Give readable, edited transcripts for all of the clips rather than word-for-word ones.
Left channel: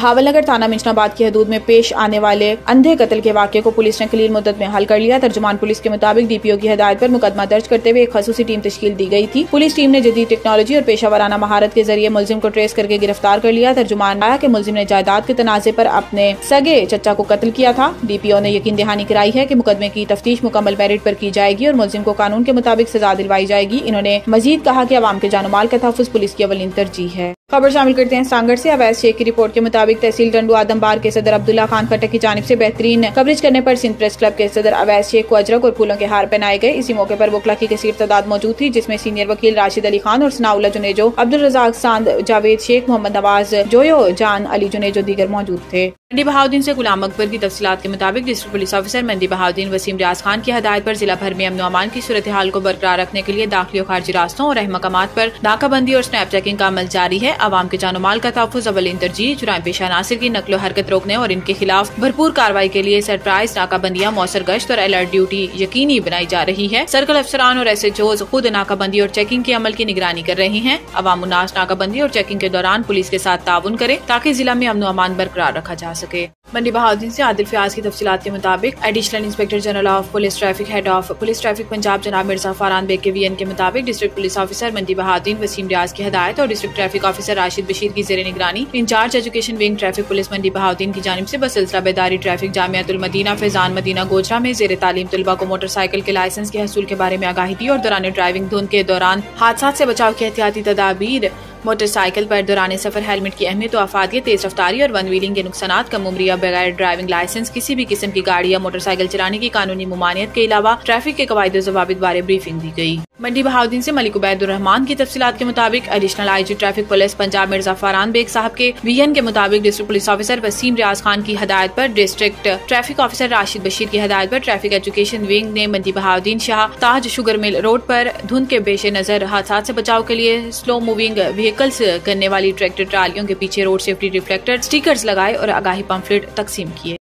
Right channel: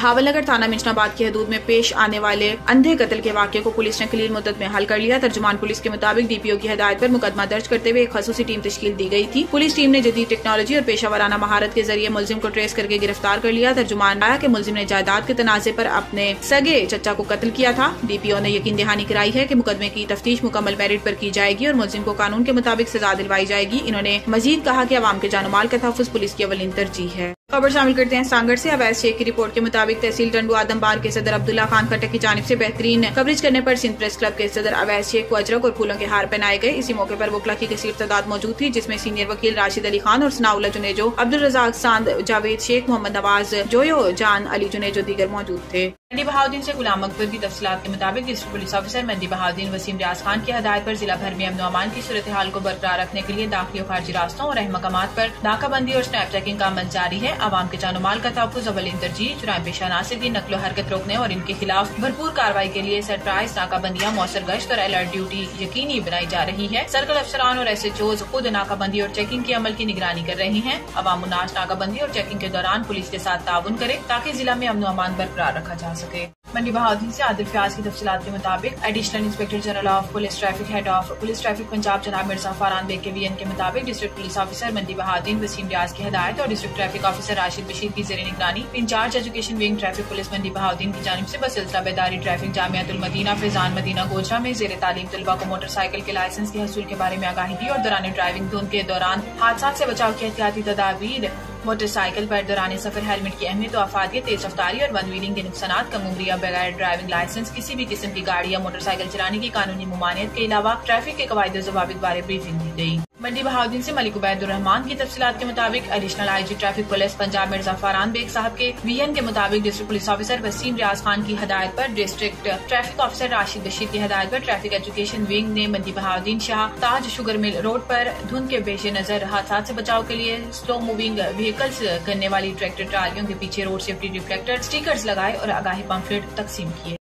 بہاول نگر تھانہ منشناباد کی حدود میں پیش آنے والے اندھے قتل کے واقعے کو پولیس نے قلیل مدت میں حل کر لیا۔ ترجمان پولیس کے مطابق ڈی پی او کی ہدایت پر مقدمہ درج کرتے ہوئے ایک خصوصی ٹیم تشکیل دی گئی تھی۔ پولیس ٹیم نے جدید ٹیکنالوجی اور پیشہ ورانہ مہارت کے ذریعے ملزم کو ٹریس کر کے گرفتار کر لیا۔ ترجمان آیا کہ ملزم نے جائیداد کے تنازع پر اپنے سگے چچا کو قتل کیا تھا۔ ڈی پی او نے یقین دہانی کرائی ہے کہ مقدمے کی تفتیش مکمل میرٹ پر کی جائے گی اور ملزم کو قانون کے مطابق سزا دلوائی جائے گی۔ انہوں نے مزید کہا کہ عوام کے جان و مال کا تحفظ پولیس کی اولین ترجیح ہے۔ خبر شامل کرتے ہیں سانگڑ سے۔ اویس شیخ کی رپورٹ کے مطابق تحصیل ٹنڈو آدم بار کے صدر عبداللہ خان کھٹک کی جانب سے بہترین کوریج کرنے پر سندھ پریس کلب کے صدر اویس شیخ کو اجرک اور پھولوں کے ہار پہنائے گئے۔ اسی موقع پر وکلا کی کثیر تعداد موجود تھی، جس میں سینئر وکیل راشد علی خان اور ثناء اللہ جنیجو، عبدالرزاق ساند، جاوید شیخ، محمد نواز جویو، جان علی جنیجو دیگر موجود تھے۔ منڈی بہاؤدین سے غلام اکبر کی تفصیلات کے مطابق ڈسٹرکٹ پولیس آفیسر منڈی بہاؤدین وسیم ریاض خان کی ہدایت پر ضلع بھر میں امن و امان کی صورتحال کو برقرار رکھنے کے لیے داخلی و خارجی راستوں اور اہم مقامات پر ناکہ بندی اور سنیپ چیکنگ کا عمل جاری ہے۔ عوام کے جان و مال کا تحفظ اولین ترجیح۔ جرائم پیشہ عناصر کی نقل و حرکت روکنے اور ان کے خلاف بھرپور کارروائی کے لیے سرپرائز ناکہ بندیاں، مؤثر گشت اور الرٹ ڈیوٹی یقینی بنائی جا رہی ہے۔ سرکل افسران اور ایس ایچ اوز خود ناکہ بندی اور چیکنگ کے عمل کی نگرانی کر رہے ہیں۔ عوام الناس ناکہ بندی اور چیکنگ کے دوران پولیس کے ساتھ تعاون کرے تاکہ ضلع میں امن و امان برقرار رکھا جا سکے۔ منڈی بہاؤدین سے عادل فیاض کی تفصیلات کے مطابق additional inspector general of police traffic head of police traffic Punjab جناب مرزا فاران بیگ کے وی این کے مطابق ڈسٹرکٹ پولیس آفیسر منڈی بہاؤدین وسیم ریاض کی ہدایت اور district traffic officer Rashid Bashir کی زیر نگرانی incharge education wing traffic police Mandi Bahauddin کی جانب سے بسلسلہ بیداری ٹریفک جامعۃ المدینہ فیضان مدینہ گوجرا میں زیر تعلیم طلبہ کو موٹر سائیکل کے لائسنس کے حصول کے بارے میں آگاہی دی اور دوران ڈرائیونگ دھند کے دوران حادثات سے بچاؤ کی احتیاطی تدابیر، موٹر سائیکل پر دوران سفر ہیلمٹ کی اہمیت و افادیت، تیز رفتاری اور ون ویلنگ کے نقصانات، کم عمری یا بغیر ڈرائیونگ لائسنس کسی بھی قسم کی گاڑی یا موٹر سائیکل چلانے کی قانونی ممانعت کے علاوہ ٹریفک کے قواعد و ضوابط بارے بریفنگ دی گئی۔ منڈی بہاؤدین سے ملک عبید الرحمان کی تفصیلات کے مطابق additional I G traffic police Punjab Mirza Faran Baig صاحب کے وی این کے مطابق district police officer Waseem Riaz Khan کی ہدایت پر district traffic officer Rashid Bashir کی ہدایت پر ٹریفک ایجوکیشن ونگ نے منڈی بہاؤدین شاہ تاج شوگر مل روڈ پر دھند کے پیش نظر حادثات سے بچاؤ کے لیے سلو موونگ وہیکلز کرنے والی ٹریکٹر ٹرالیوں کے پیچھے روڈ سیفٹی ریفلیکٹر سٹیکرز لگائے اور آگاہی پمفلٹ تقسیم کیے۔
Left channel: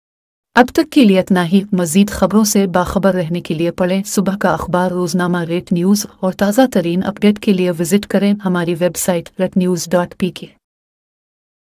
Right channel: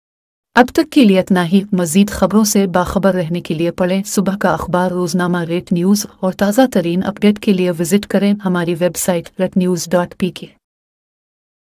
اب تک کے لیے اتنا ہی۔ مزید خبروں سے باخبر رہنے کے لیے پڑھیں صبح کا اخبار، روزنامہ ریٹ نیوز اور تازہ ترین اپڈیٹ کے لیے وزٹ کریں ہماری ویب سائٹ retnews.pk۔